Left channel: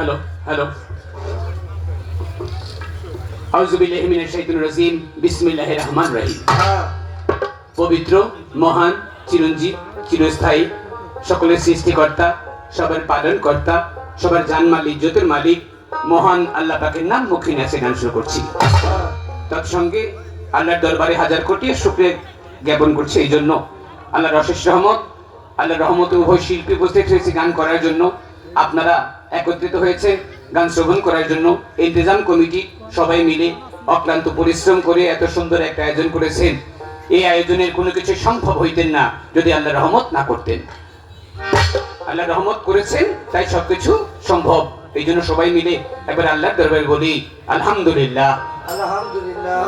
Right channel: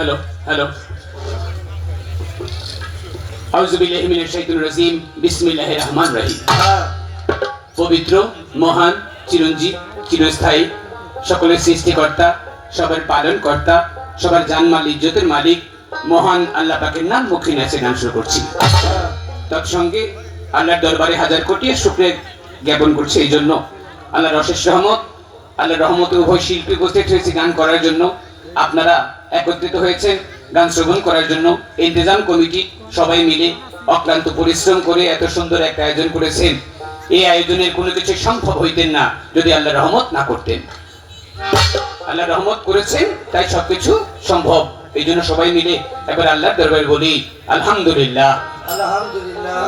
Hello hello আউযু বিল্লাহি মিনাশ শাইতানির রাজিম বিসমিল্লাহির রহমানির রহিম। পবিত্র মহান চিরঞ্জীব চিরস্থায়ী সকলের সৃষ্টিকর্তা সবার পালনকর্তা সবার জানমাল ইজ্জতের মালিক মহান আল্লাহ পাকের নাম মুখে নেচে গান শুরু করছি। তৎসঙ্গে আল্লাহর দরবারে হাজার কোটি শুকরিয়া জ্ঞাপন করছে এই জন্য আল্লাহর অশেষ রহমত আল্লাহর রহমতে উভয় শিল্পী উপস্থিত হয়েছে গান করার জন্য। আপনারা একত্রিত হয়েছেন গান শ্রবণ করার জন্য। ইন্তেজাম কমিটি সবাই মিলে অক্লান্ত পরিশ্রম করে এত সুন্দর একটা আয়োজন করেছেন। এই আয়োজনের কোনো কিছু সম্ভব হইতেন না যদি আল্লাহর রহমত না করতেন। আল্লাহ রহমত করেছেন তাই সবকিছু সম্ভব। এই জন্য সবাই মিলে এবার আল্লাহর দরবারে বলি আলহামদুলিল্লাহ। আলহামদুলিল্লাহ।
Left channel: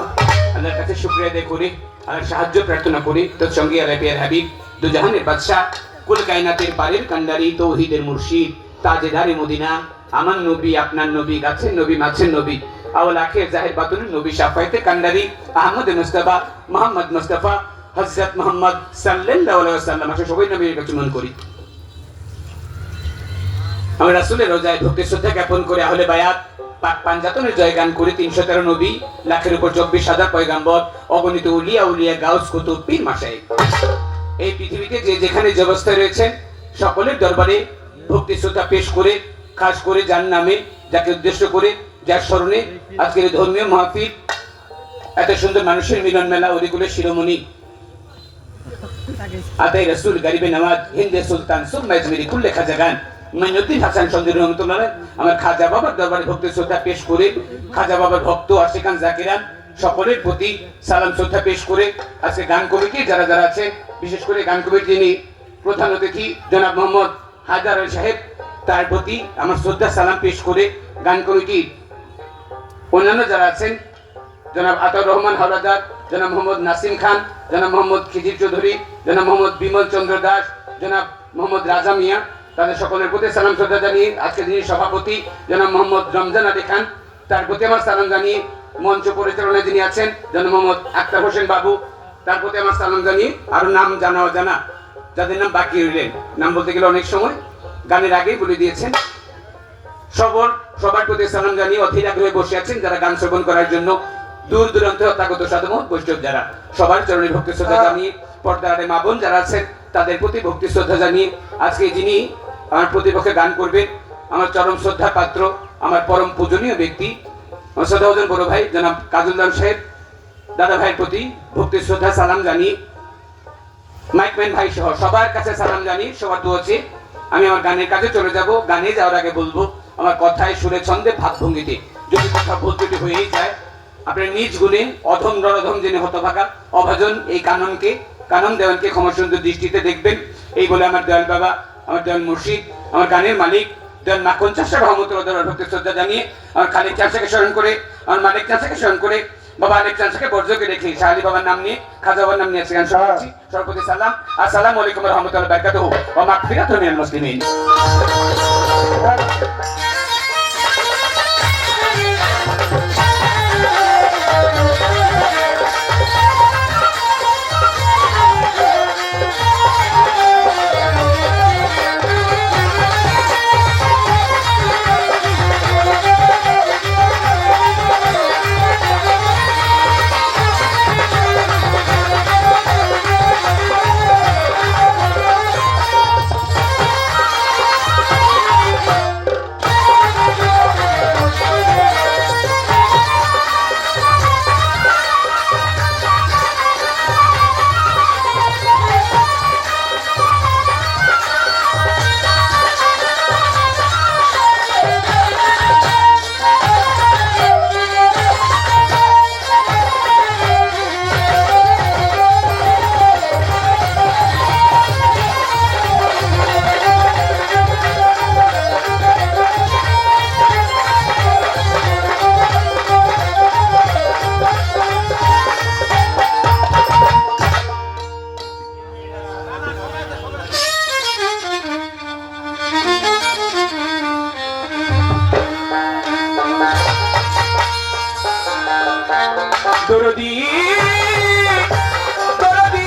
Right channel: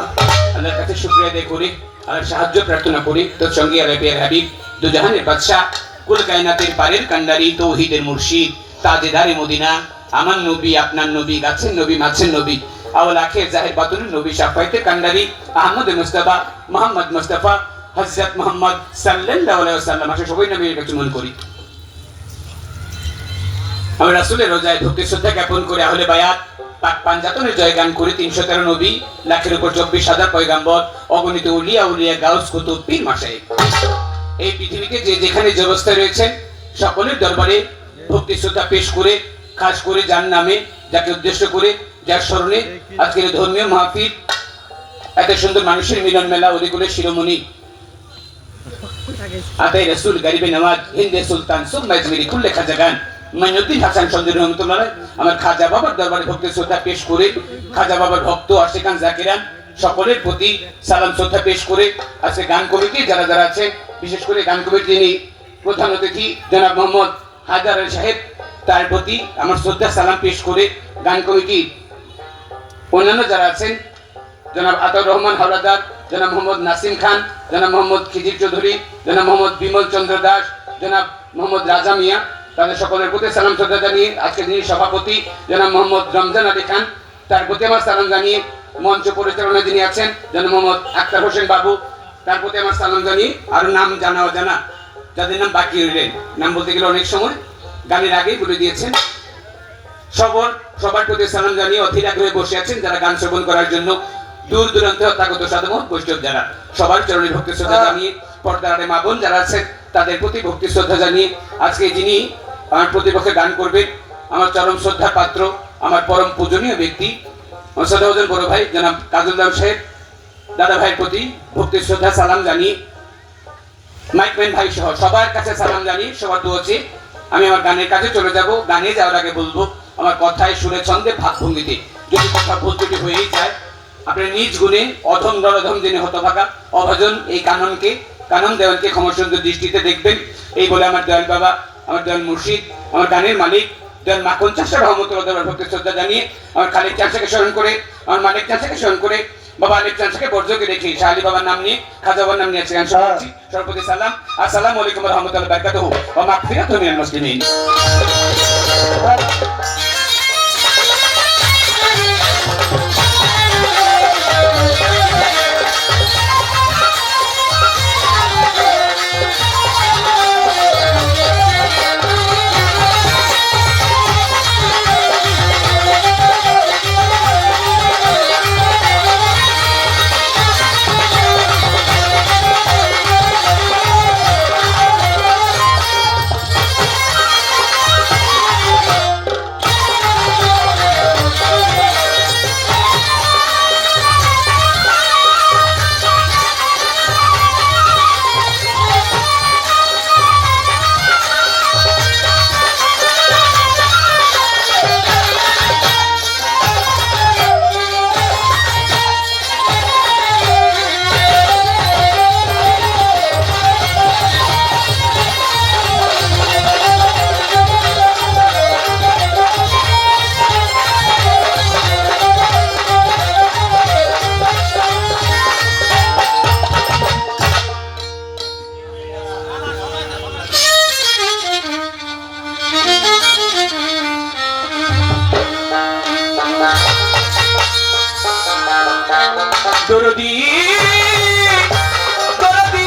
আল্লাহর কাছে শুকরিয়া আদায় করি, আল্লাহর সাহায্য প্রার্থনা করি। তৎসঙ্গে আরবিয়ার হাবিব দুজাহানের বাদশাহ কুল কায়নাতের পারের কান্ডারি তৌহিদের মুর্শিদ তাজেদারে মদিনা আমার নবী আপনার নবী গাছের নবী মাছের নবী আউল আখির জাহির বাতুল নবী শাফায়েতে কান্ডারি আহমদ মুস্তাফা মোহাম্মদ মুস্তাফা হযরত মুহাম্মদ সাল্লাল্লাহু আলাইহি ওয়াসাল্লাম আসলে সবাই নবীর কাছে মন করি। আমরা রাসূলের রোজায় ভক্তি শ্রদ্ধা জ্ঞাপন করে আহলে বায়াত পাক পাঞ্জাতনের জয়গান করে 313 নবী লাখের উপর 24,000 পয়গাম্বর অগণিত উলিয়া উলিয়া গাউস কুতুব পীর মাশায়েখ এই পৃথিবীতে যে যেখানে যে অবস্থায় রয়েছেন সকলের দরবারে ভক্তি শ্রদ্ধা পেশ করে খাস করে যার নামে যাকে উদ্দেশ্য করে যার স্মরণে আজকের ধর্মীয় মাহফিল এত সুন্দর মানুষের মিলন মেলা ওদিগুলো শিরোমণি আতাই রাসূল গরিবে নওয়াজ হিন্দে সুলতান সুম্মা আজমিরি কুল্লে খাজাগান মাইনুদ্দিন হাসান সঞ্জয় রহমতুল্লাহ আমার খাজা বাবার দরবারে ভক্তি শ্রদ্ধা পেশ করে খাজা বাবার ভক্ত আশিকান জাকিরান সকলের প্রতি সালাম শ্রদ্ধা পেশ করে আজকে গান কমিটি যারা যারা আছে বিশেষ করে গান কমিটি যিনি প্রধান অতিথি জনাব মোহাম্মদ হায়দার আলী সাহেব তার প্রতি আমার শ্রদ্ধা সালাম পেশ করে গান কমিটির অন্যান্য যারা আছেন জনাব আতাউর রহমান হাওলাদার জনাব মোহাম্মদ নাসিম খান জনাব মোহাম্মদ খিজির চৌধুরী জনাব মোহাম্মদ বিমল চন্দ্র দাস জনাব মোহাম্মদ রাজা মিয়া তাদের সকলের প্রতি সালাম শ্রদ্ধা জানিয়ে আজকে যিনি সভাপতি জনাব মোহাম্মদ রমজান আলী খান তার প্রতি আমার সালাম জানিয়ে মঞ্চ পরিচালনায় যিনি আছেন জনাব মোহাম্মদ আক্তার হোসেন বাবু তার প্রতি আমার সালাম জানিয়ে আরো নাম জানা অজানা যাদের নাম বাকি রইলেন নাম বলতে গেলে অনেক সময় গানের আগেই বলে দিয়েছেন সবার প্রতি সালাম জানিয়ে অধীর আগ্রহে বসে আছেন যারা গান শ্রবণ করার জন্য দূর দূরান্তে অত্যাগত সাধুমত বৈষ্ণব যারা সবার চরণে ভক্তি শ্রদ্ধা জানিয়ে পর্দার মা বোন যারা আছেন তাদের প্রতি ভক্তি শ্রদ্ধা জানিয়ে আজকে যিনি আমার প্রতিপক্ষে গান করবেন আমার চরম শ্রদ্ধা পাত্র আমার পরম পূজনীয় ব্যক্তি আমার শ্রদ্ধাভাজন বড় ভাই জনাব কাজুল্লাহ সাহেব দাদা ভাইয়ের প্রতি ভক্তি শ্রদ্ধা সালাম জানিয়ে মাইকম্যান ভাই সহ সবার কাছে সালাম জানিয়ে সবার দোয়াচ্ছি আমি আমার গানের কাছে চলে যাব। গানে যাওয়ার আগে বলবো আমার কথায় সুরে ছন্দে ভাবভঙ্গিতে যদি কথা ভুল ত্রুটি হয়েই যায় আপনার নিজ গুণে অধম নরধম যিনি হতভাগা অভাজন এই কানন দেওয়ানকে ক্ষমা সুন্দর দৃষ্টিতে দেখবেন এই বলে আমার দয়াল বাবা আমার দয়াল মুর্শিদ আমার গানের মালিক দয়াল মাখন চাষা রহমতুল্লাহ ভক্তি শ্রদ্ধা জানিয়ে আমার খালিদ চাষাকে স্মরণ করে আমার মালিক চাষাকে স্মরণ করে বাবা আলিক চাষাকে বর্জকে রেখে শাহ আলী বাবার নাম নিয়ে খাজা বাবার নাম নিয়ে গান শোনাচ্ছি। সর্বপ্রতি সালাম আসসালামু আলাইকুম ওয়া রাহমাতুল্লাহি ওয়া বারাকাতুহু ওয়া মাগফিরাতুন মিনাল মুসলিমিন। দরদি দরদি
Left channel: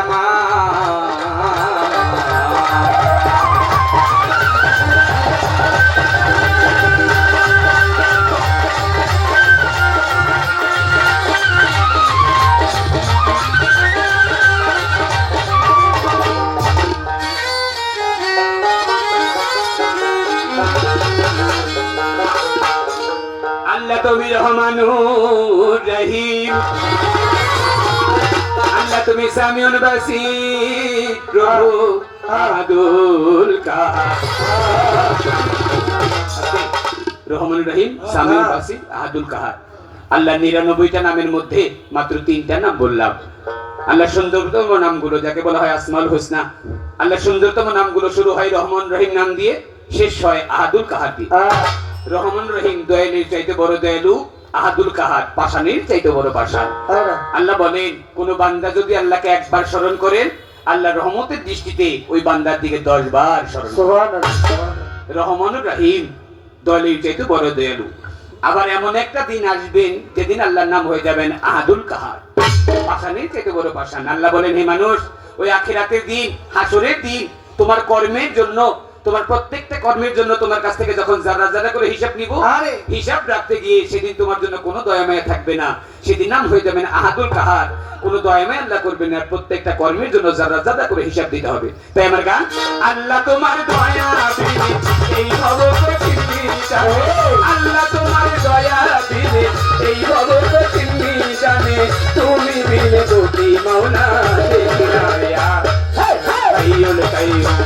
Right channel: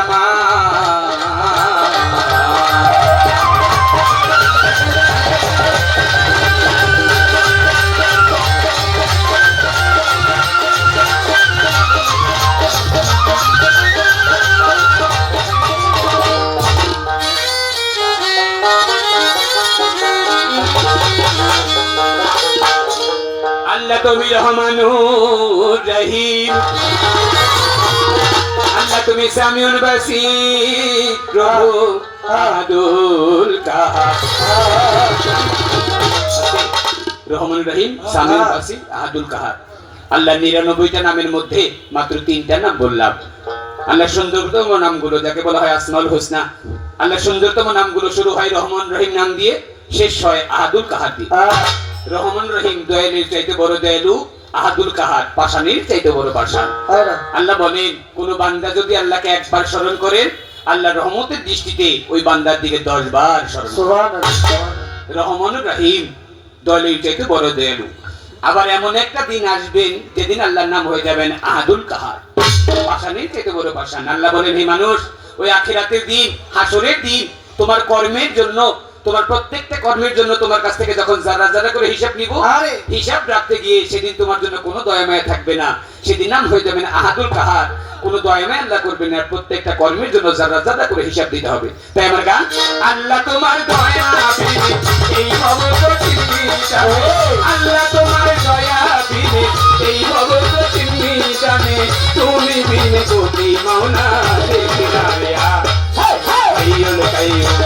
আমার। আল্লাহ তুমি রহমানুর রহিম, আল্লাহ তুমি সামিউল বাসীর, প্রভু আহাদুল কাহার। রহমানুর রহিম, সামিউল বাসীর, আহাদুল কাহার। আল্লাহ 99টা নামের মধ্যে মাত্র 3টা নাম বললাম। আল্লাহ সুন্দরতম নামগুলো যাকে বলা হয় আসমাউল হোসনা, আল্লাহ সুন্দরতম নামগুলো শুরু হয় রহমান রহিম নাম দিয়ে, শেষ হয় আহাদুল কাহার দিয়ে। রহমান রহিম দয়ালুর চাইতে বড় দয়ালু, আহাদুল কাহার পাষাণের চাইতে বড় পাষাণ। আল্লাহ বলেন কোন বান্দা যদি আল্লাহকে একবার স্মরণ করেন, আল্লাহ রহমতের দৃষ্টিতে ওই বান্দার দিকে 10 বার স্মরণ। রহমান রহিম দয়ালুর চাইতে বড় দয়ালু। আবার এমন একটা দিন আসবেন যেদিন আল্লাহর নাম হয়ে যাবেন আহাদুল কাহার, পাষাণের চাইতে বড় পাষাণ। আল্লাহ বলেন হে মানুষ, ওই আখিরাতের দিন, হাসরের দিন, তোমার কর্মের জন্য, তোমার প্রত্যেকটা কর্মের জন্য তোমার কাছ থেকে যখন যারা যারা করে হিসাব নিব, হিসাব রাখতে গিয়ে সেদিন তোমার জন্য কোনো দয়ামায়া থাকবে না। সেদিন নাম হয়ে যাবেন আহাদুল কাহার, কোনো দয়ামায়া আল্লাহ করবেন না। প্রত্যেকটা কর্মের জন্য যারা যারা করে হিসাব দিতে হবে। তাই আমার গান, আল্লাহ তোমার দয়া দিবে এই ভবকঠিন মিশানে, আল্লাহ তোমার দয়া দিবে এই ভবকঠিন মিশানে, তুমি বিনে কোটি মাওলা দেখিনা রিয়া হাইয়ুল কাইয়ুম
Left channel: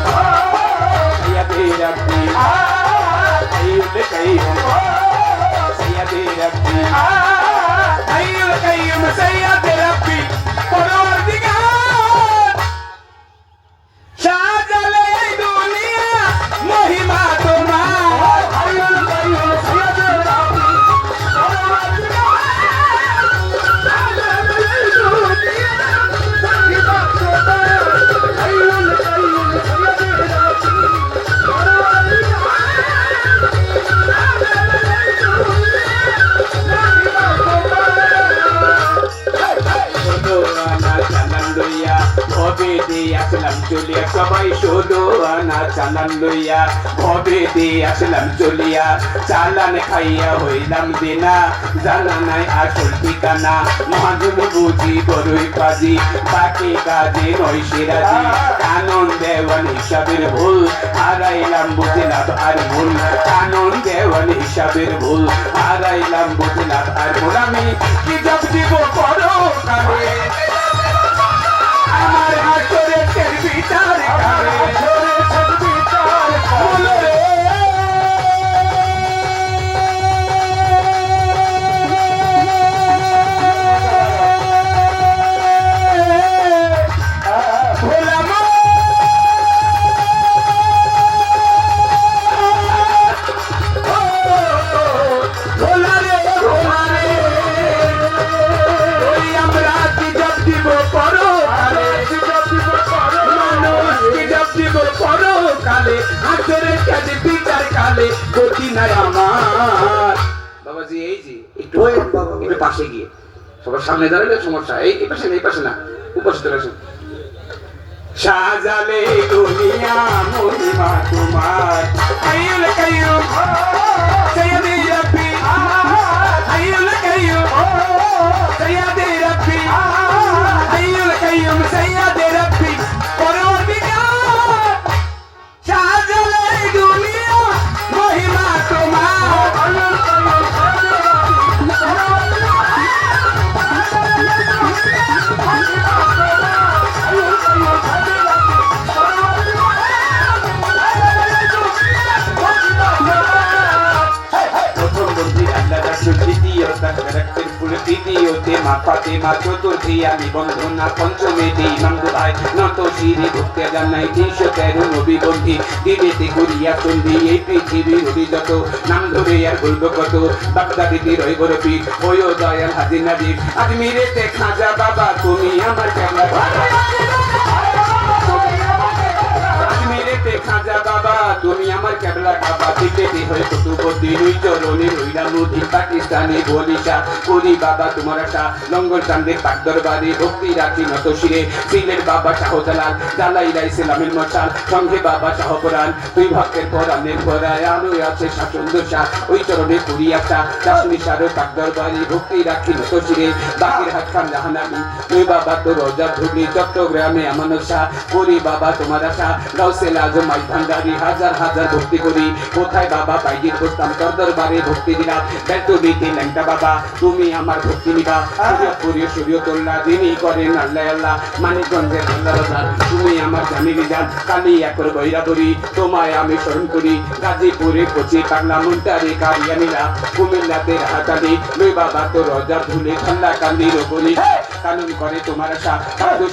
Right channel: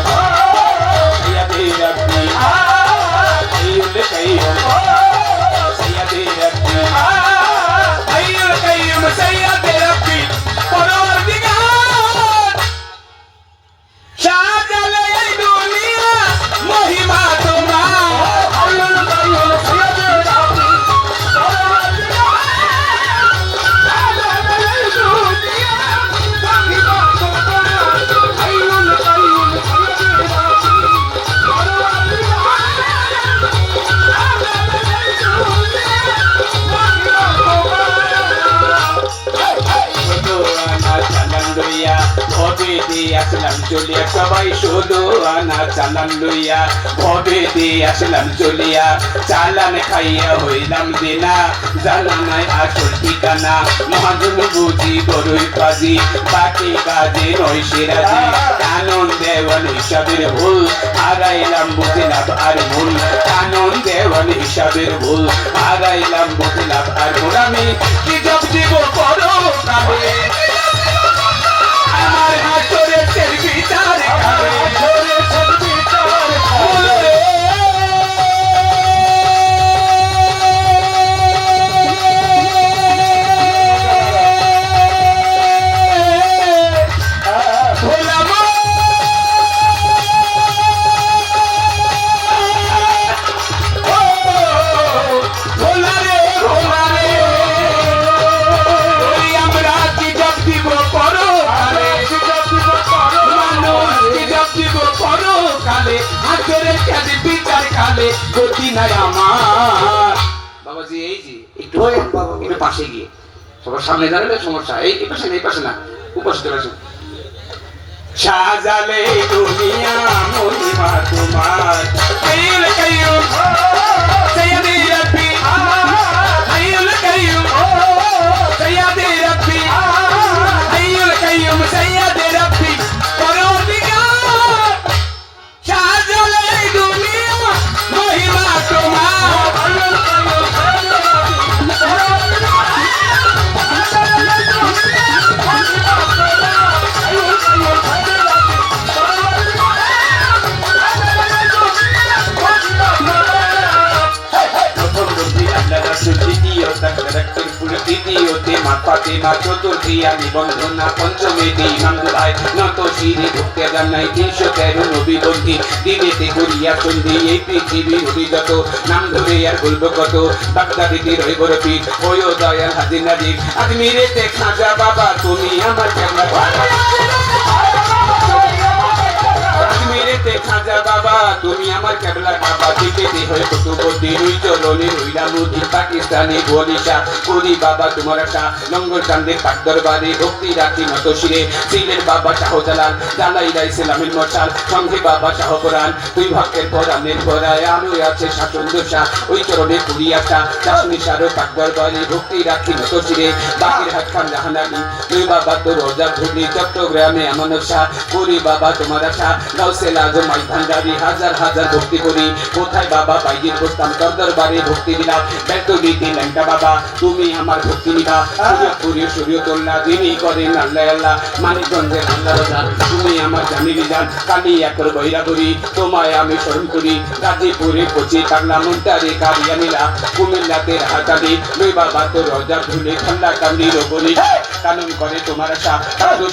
سيدي ربي حي القيوم سيدي ربي حي القيوم سيدي ربي পরওয়ারদিগার সাজালে এই দুনিয়া মহিমা তোমার হাইয়ুল কাইয়ুম সৈয়দে রাব্বি পরওয়ারদিগার সাজালে এই দুনিয়া মহিমা তোমার হাইয়ুল কাইয়ুম সৈয়দে রাব্বি ভবে দিয়ে আসলাম চলিয়া, সবাই শুধু আনা চালান লইয়া, ভবে দিয়ে আসলাম চলিয়া, চালান খাইয়া হইলাম দেনা, জানা নাই আসল ঠিকানা, মহাজন বুঝি বড়ই কাজী, বাকি কাজে নয় সেরাজি, কানন দেওয়ান হিসাবের ভুল, হারাইলাম বুঝলাম আর ভুল, কানন দেওয়ান হিসাবের ভুল, হারাইলাম বুঝলাম আর ভুল। আমি কি জব দিব করো কাবে, আমার হাতরে তের বিচার কাবে, হাতরে তের বিচার বলো রে গতি নাই আমার। বাবাজি এই যে একটু একটু পাশে গিয়ে সবার সামনে দাঁড়ালে সমস্যা, এই পাশে না, এই পাশে না, উপস্থিত রয়েছে। সাজালে দুনিয়া মহিমা তোমার হাইয়ুল কাইয়ুম সৈয়দে রাব্বি হাইয়ুল কাইয়ুম সৈয়দে রাব্বি হাইয়ুল কাইয়ুম সৈয়দে রাব্বি পরওয়ারদিগার সাজালে দুনিয়া মহিমা তোমার হাইয়ুল দ্বিতীয়তে মা ফাতেমা, চতুর্থী আমি বন্ধনা, পঞ্চমে দিই ইমাম ভাই নত শিরে ভক্তি জানাই 313 নবী বন্ধি, দিবেতে করিয়া সন্ধি এই পৃথিবীর অভিগত, নাম ধরে আর বলবো কত, বাগদাদিতে রইব রবি ওই দয়াল হাজির নাজির, আজমিরেতে খাজা বাবা তুমি আমার কেমন, আজমিরেতে খাজা বাবা তুমি আমার কেবলা কাবা, দিকে হয়ে কুতুবুদ্দিন ওই চলনে রইলাম নদী, পাটি পাকিস্তানি বলিশা করি বাবা তোমার আশা লঙ্গর চান্দের পাক দরবারে ভক্তি রাখি নত শিরে সিলের বাবা শাহজালাল জ্বালাই লাই ইসলামের মশাল সঙ্গে বাবা শাহপুরাণ দুই ভক্তের পরাণের পরায় আলো আছে শাসন দোষা ওই চরণে করি আশা চাষনি সারো পাক দরবারে ভক্তি রাখি নত শিরে বাকির হাত খান জাহানানি দুই বাবা তো রোজা ধুলি চট্টগ্রামে আমার আশা করি বাবা তোমার আশা গাউসে লাগো মাই ভান্ডারি হাজার হাজার ভক্তি করি কোথায় বাবা বাইজির বসতাম তোর দরবারে ভক্তি দিলাম ব্যক্ত দিতে ল্যাংটা বাবা তুমি আমার ভক্তি নিবা সূর্য তোল্লা দিনই করেন আল্লাহ আল্লাহ মানিকগঞ্জের আল্লাহ বাজার তুমি আমার জামিলি জান কালি একর বৈরাবরী তোমায় আমি স্মরণ করি গাজীপুরে পচি কাটলা মুন্তারি কারিয়ানিলা কুমিল্লাতে হাতালি লই বাবা তো রোজা ধুলি ঠান্ডা কান্দি রোগনি কানুন করে তোমার আশা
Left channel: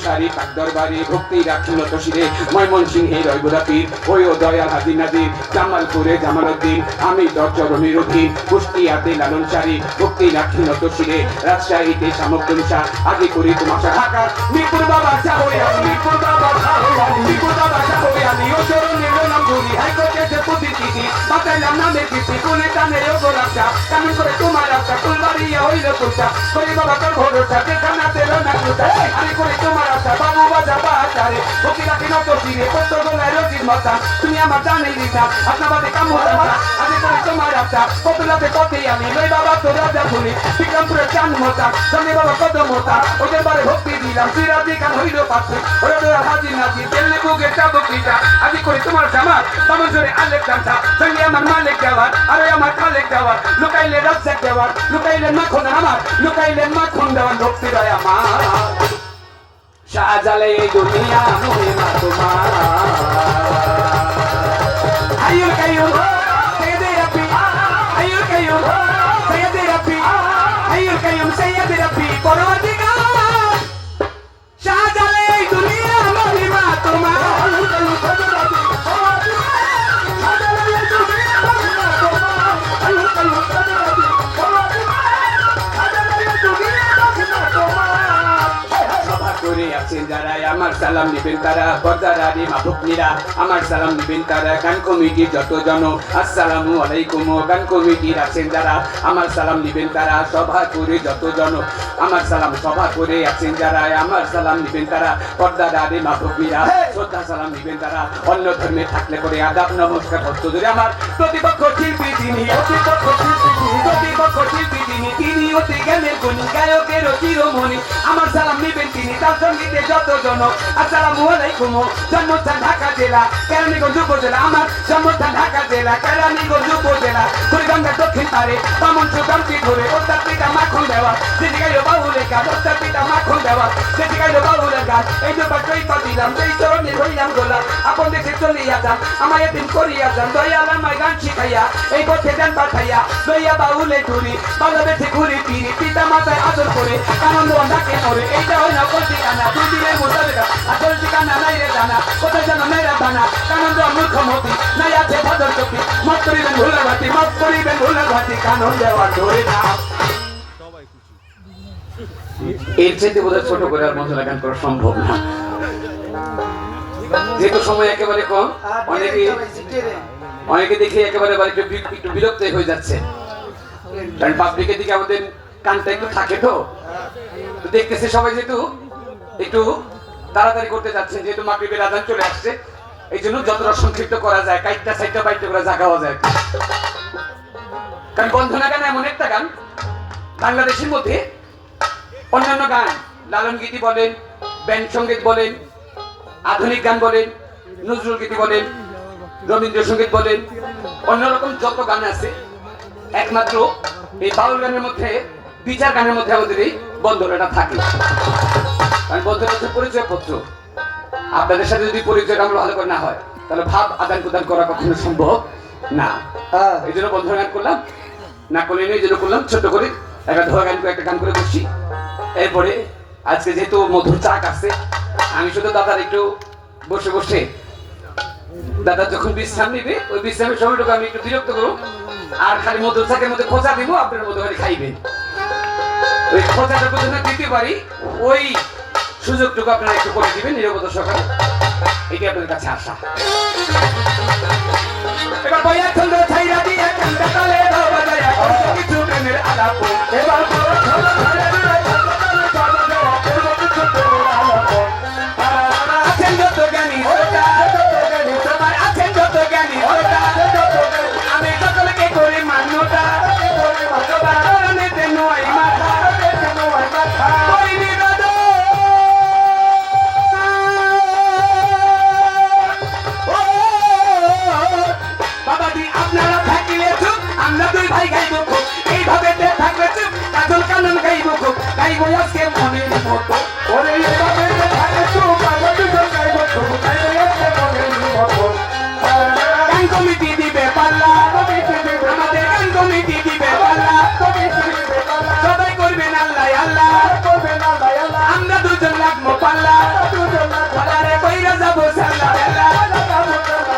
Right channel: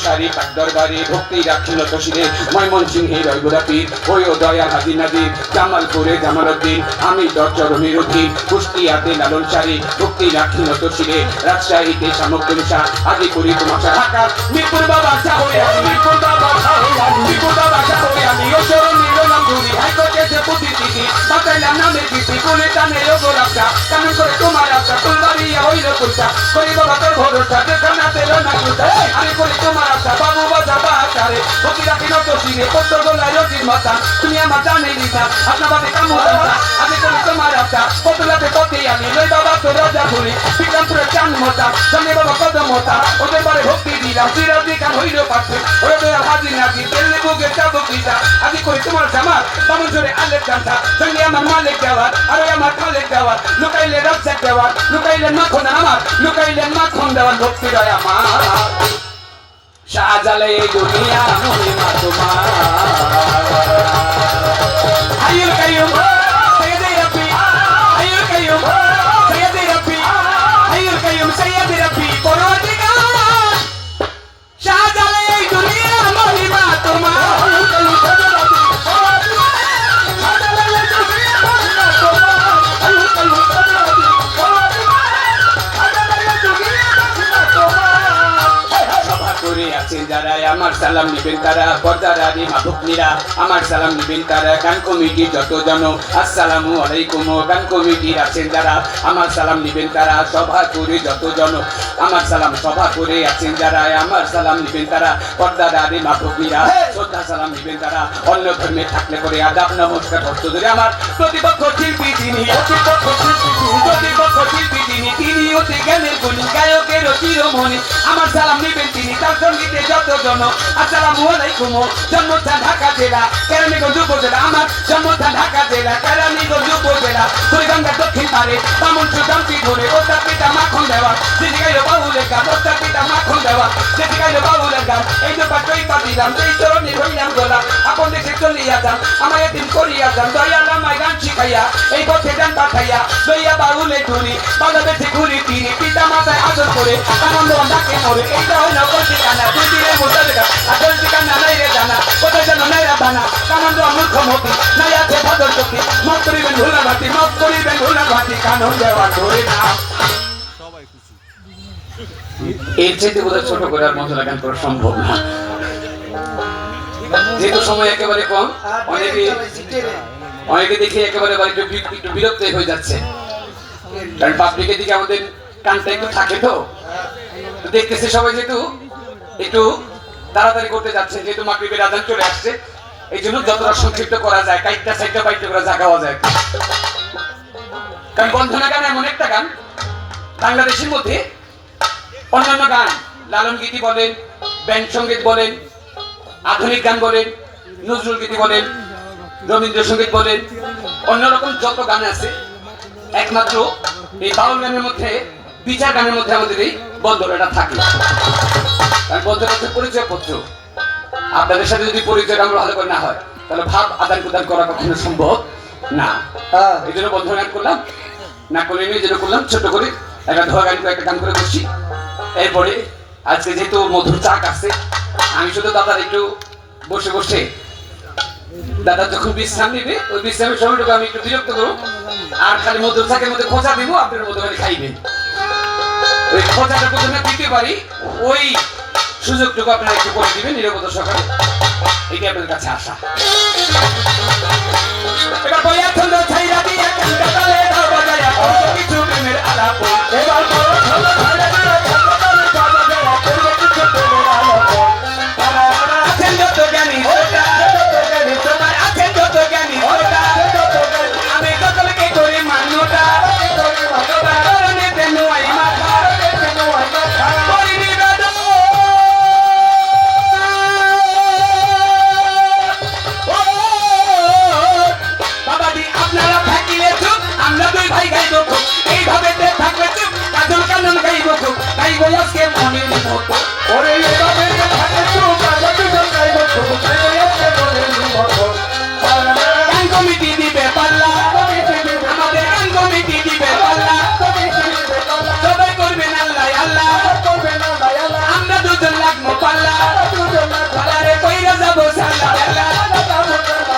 সারি পাক দরবারে ভক্তি রাখিল তসিরে ময়মনসিংহে রয়গুড়া পীর ওই দয়াল হাজি নাজির জামালপুরে জামালউদ্দিন আমি চরণের অধীন কুষ্টিয়াতে লালন সারি ভক্তি রাখিল তসিরে রাজশাহীতে সামগ্রী শাহ আগে করি তোমার ঢাকা মিরপুর বাবা সাহরে মিরপুর বাবা সাহরে মিরপুর বাবা সাহরে আমি ও চরণ নিল নাম ধরি হাইকোর্টে যে প্রতিনিধি বাতাইলাম নামে দিছি কোলে টানে ওগো রাখা কানুন করে তোমার রাখা ফুলবাড়ি হইল কুলটা করি বাবা তোর ভরসা যেখানে তেল না কুলটা আমি করি তোমার আশা বাবু বাজা বাজারে ভক্তি রাখি নত সিংহে পত্র গলায় রোজির মাথা তুমি আমার জানে দিনা আপনার বাদে কামু আমি করি তোমার আশা পতুলাতে পথে আমি লই বাবা তো রাজা ধরি বিক্রমপুরের চান মতা জানে বাবা কদম মতা ওদের বারে ভক্তি দিলাম চিরাদি কান হইল পাচ্ছে ওদের হাজি নাজি তেলে বুকে চাবুকিটা আমি করি তোমার জামা বামন জোরে আলেক জানতা সঙ্গে আমার মালিক দেওয়ার আরে আমার খালেক দেওয়ার লুকাইলে রাজ্জাক দেওয়ার লুকাইলে মাখন আমার লুকাইলে মাখন দেওয়ার ভক্তি রয় আমার শাহজালে দুনিয়া মহিমা তোমার হাইয়ুল কাইয়ুম সাইয়্যিদে রাব্বি হাইয়ুল কাইয়ুম সাইয়্যিদে রাব্বি হাইয়ুল কাইয়ুম সাইয়্যিদে রাব্বি পরওয়ারদিগার শাহজালে দুনিয়া মহিমা তোমার হাইয়ুল কাইয়ুম সাইয়্যিদে রাব্বি শাহজালে দুনিয়া মহিমা তোমার হাইয়ুল কাইয়ুম সাইয়্যিদে রাব্বি পরওয়ারদিগার শাহজালে দুনিয়া মহিমা তোমার করে আছেন যারা আমার সালাম নিবেন তারা পর্দারারি মাহবুবনীরা আমার সালাম নিবেন তারা গান কমিটি যত জন আসসালামু আলাইকুম গান কমিটির আছেন যারা আমার সালাম নিবেন তারা সভা করে যত জন আমার সালাম সভা করে আছেন যারা আমার সালাম নিবেন তারা পর্দারারি মাহবুবনীরা শ্রদ্ধা সালাম নিবেন তারা অন্য ধর্মে থাকলে করে আদাব নমস্কার হস্ত ধরে আমার প্রতিপক্ষ শিল্পী তিনি প্রতিপক্ষ শিল্পী তিনি অতি জ্ঞানের গুণী গায়কের চিরমণি আমার সালাম নিবেন তিনি তার সঙ্গীতে যত জন আসসালামু আলাইকুম জন্মস্থান ঢাকা জেলা কেরানীগঞ্জ উপজেলা আমার জন্মস্থান ঢাকা জেলা কেরানীগঞ্জ উপজেলা কুড়িগঙ্গার দক্ষিণ পারে বামন সুগামটি ধরে ওস্তাদ পিতা মাখন দেওয়া যেটি গাইল বাউলের গান ওস্তাদ পিতা মাখন দেওয়া যেটি গাইল বাউলের গান এই ব্যাপার চৈপা দিলাম যেই চরণে ধরিলাম গোলাম আপন দেশে চলিয়া যান আমার এদিন করিয়া যান দয়াল আমায় গান শিখাইয়া এই পথে গান পাঠাইয়া লইয়া বাউলে ঘুরি বাংলাদেশে ঘুরি ফিরি পিতা মাতায় আদর করে আনন্দ ডাকে মরে এইটা হয় না ঠিকানা দুই দিনের মোটালেগা আসল ঠিকানা নাই রে জানা কোথায় যেন নাই রে বানা কানন্দ মূর্খমতি নাই আছে ভদ্র চোখে মত করিবেন ভুলার ভাতি কানন দেওয়া ধরে না এর চাইতে বোধহয় ছোট করে আর মজা গান করা সম্ভব না যেহেতু সময় একেবারে কম অনেকে দেখি একেবারে একটু বিরক্ত হয়ে যাচ্ছে কারণ পাবলিকের দিকে আমাদের কানটা একটু থাকে তো দেখতেছি সবাই যেহেতু একটু তাড়াতাড়ি করতে যাচ্ছে যেহেতু মাগরিবের আযান চলে আসছে এই জন্য যতটা সংক্ষিপ্ত করা যায় কাইটটা সাইটটা বাইটটা করে জাগাওয়া যায় কারণ বন্ধনা গান এমন একটা গান বাংলাদেশের মধ্যে অন্যান্য গান লালন গীতি বলেন ব্যান্ড সঙ্গীত বলেন আধুনিক গান বলেন নজরুল গীতি বলেন রবীন্দ্রসঙ্গীত বলেন অন্যরকম যত গান আছে একমাত্র এই বাউল গানের মধ্যে বিচার গানের মধ্যে আমাদের এই বন্ধনাটা থাকে কারণ বন্ধনা হচ্ছে পরিচয় পত্র আপনাদের সাথে যদি পরিচয়টা আমরা ভালো করে না হয় তাহলে ভাব আদান প্রদান করা কখনো সম্ভব না এই জন্য বন্ধনা গান করলাম না করলে নিয়ে যেটা করলাম ছোট করে একটা ধোয়া গান করে একটা গান করে বসছি এরপরে আজকে যেহেতু মধুর চাক আছে আমি শুধু দাদার একটু বসে বসে দাদা যখন বিশ্রাম নিবে ওই বিশ্রামের সময়টুকু আমি একটু বিরক্ত করবো আর খালি মধুর চাকের মধ্যে খোঁচা দিব আপনার মধ্যে খালি খাইবেন ওই খোঁচাটা প্রথমে দিতে পারি ওই সুযোগটুকু আপনারা একটু করে দিবেন নিরাপত্তা সহকারে এটি আপনাদের কাছে আসা এবার বইয়া চন্দ্র ছাইরা দিয়ে কান্দা তালে দাও বাজায়া কিছু প্রেমের আলা গাইবো আজকে মনের মতো ওরে এভাবে থাকে তো কাগজে গাইব শুধু গাইব আজকে মনের মতো গান কমিটি দিবে পাল্লা আমাদের গান কমিটি দিবে পাল্লা সবাই করবেন আল্লাহ আল্লাহ আমরা দুজন লাগবো পাল্লা পাল্লারে কইরা যাবো সাল্লা আল্লাহ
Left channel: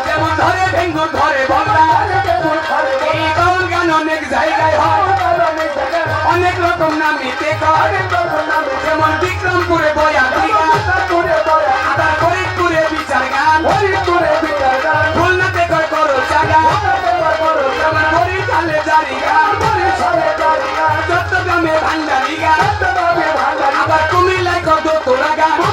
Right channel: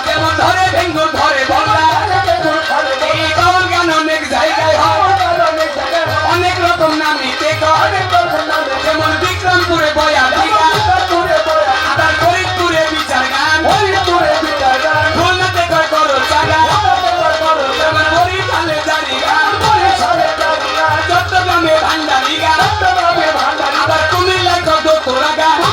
যেমন ধরে ভেঙ্গুর ধরে বল্লা এই গান গান অনেক জায়গায় হয় অনেক রকম নামিতে কয় যেমন বিক্রমপুরে বয়া দিঘা আবার ফরিদপুরে বিচার গান খুলনাতে কয় করো জাগা যেমন বরিশালে জারি গান চট্টগ্রামে ভান্ডারি গান আবার কুমিল্লায় কত তোরা গান